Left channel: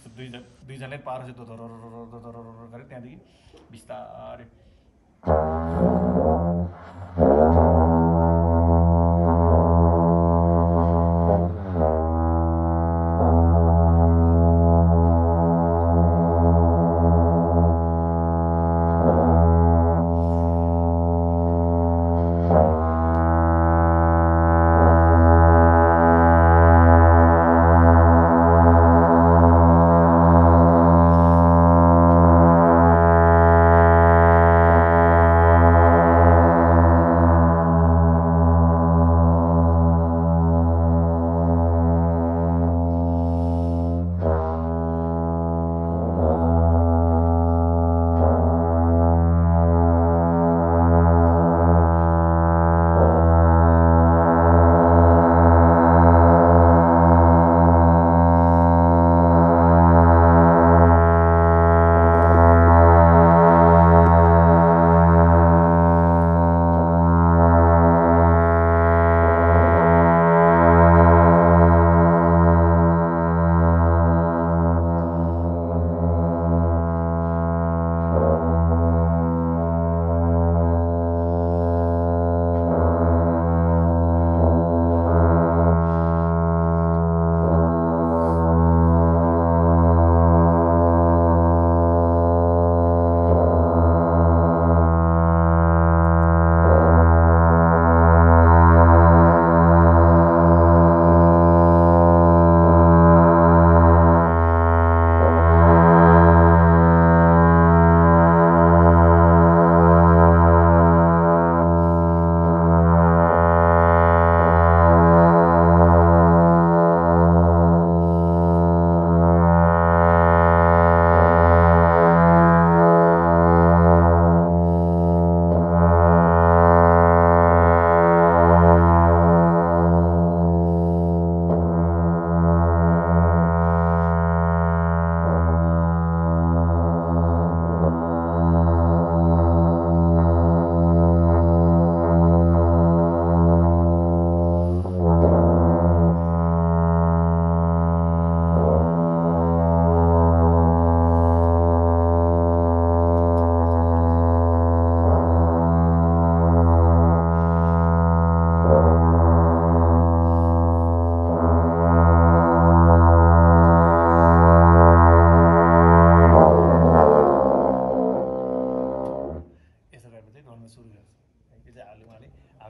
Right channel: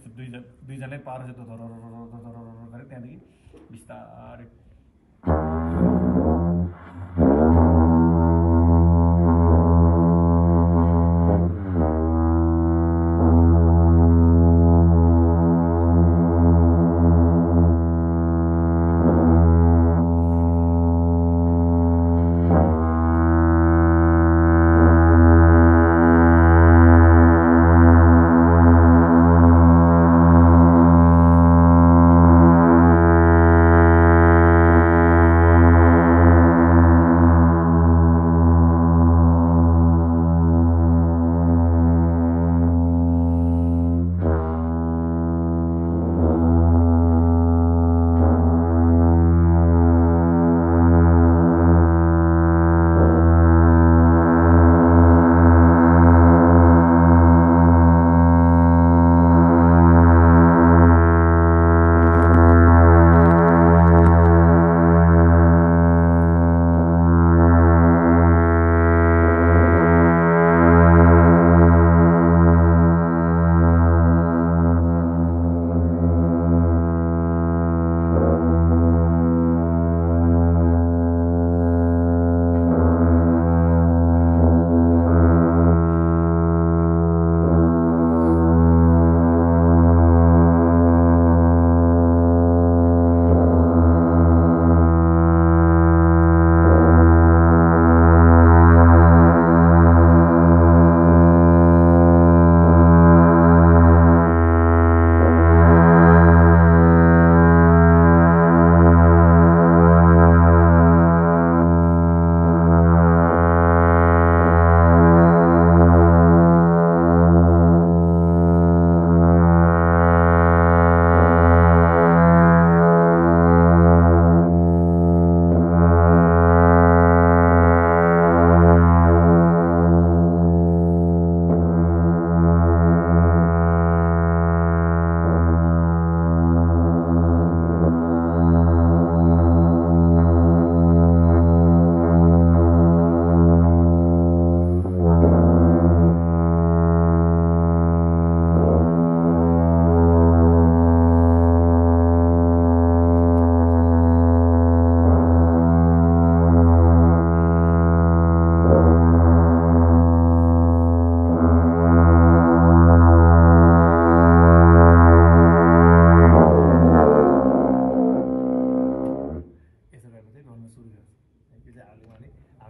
यस्तो दुईजनै पारो चाहिँ गऱ्यो त्यहाँदेखि बिस्तारै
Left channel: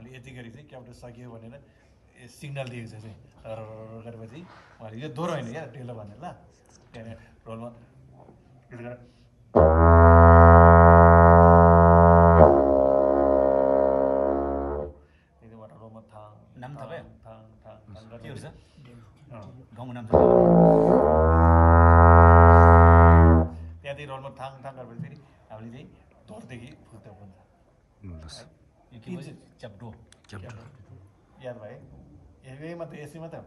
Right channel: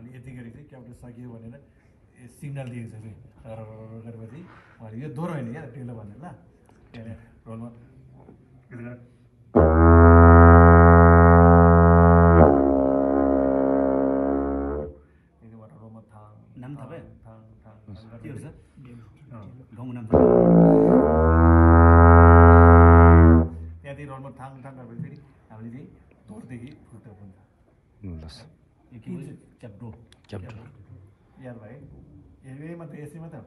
हामीले यति गरी चाहिँ क्याप्टर सकियो भनेर सिग्नल दिएको छ चाहिँ गरेपछि उहाँले यो दोहोरो होइन क्या टेलो भनेर ल त्यहाँदेखि रोलमा रोलमा थाङ नाम थाहा भयो थाङ थाङ के हुन्छ गाउँको नाम त्यहाँदेखि रोलमा थाङ थाङ गरेपछि फेरि हामीले चाहिँ धोरदेखि फुट्दै हुन्छ च्याप्टो याद भयो यही मात्रै यसै मात्रै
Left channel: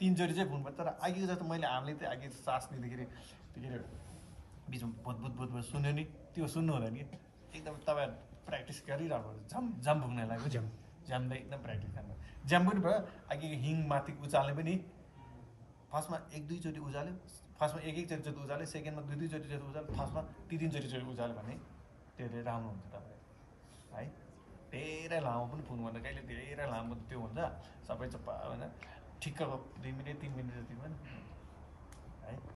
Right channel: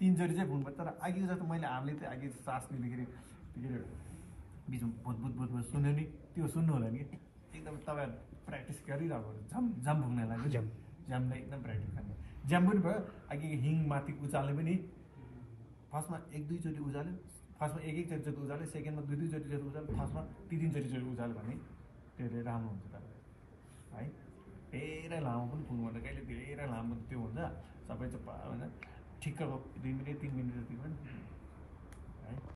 तिनचोटि चाहिँ फुट्नु पर्छ तर अघिको जस्तो मैले हामीले चाहिँ अघि सास लिँदाखेरि के अरे बिचमा भुत सुन्यो नि त्यो सुन्नु हुँदैन कि एकदम तपाईँ प्र्याक्टिस गरिरहेको झम झम फुक्ने लाग्यो झ्यामलाई एकदम प्र्याक्टिस गर्नु झ्याम पनि भयो अघि हिङ माथि उचाल्ने पनि फर्स्टमा एक दुईचोटि उचाल्यो फर्स्टमा एकचोटि जति उचाल्यो सेकेन्डमा दुई दुईचोटि जति उचाल्यो फर्स्टमा तिनचोटि उचाल्यो भने धेरै राम्रो हुन्छ तपाईँलाई है धेरै लामो पनि फुक्नुपर्छ कहिले धेरै लामो त्यो हुन्छ सबै चाहिँ होइन ठिक्कको 2 मिनट 3 मिनट जति पनि है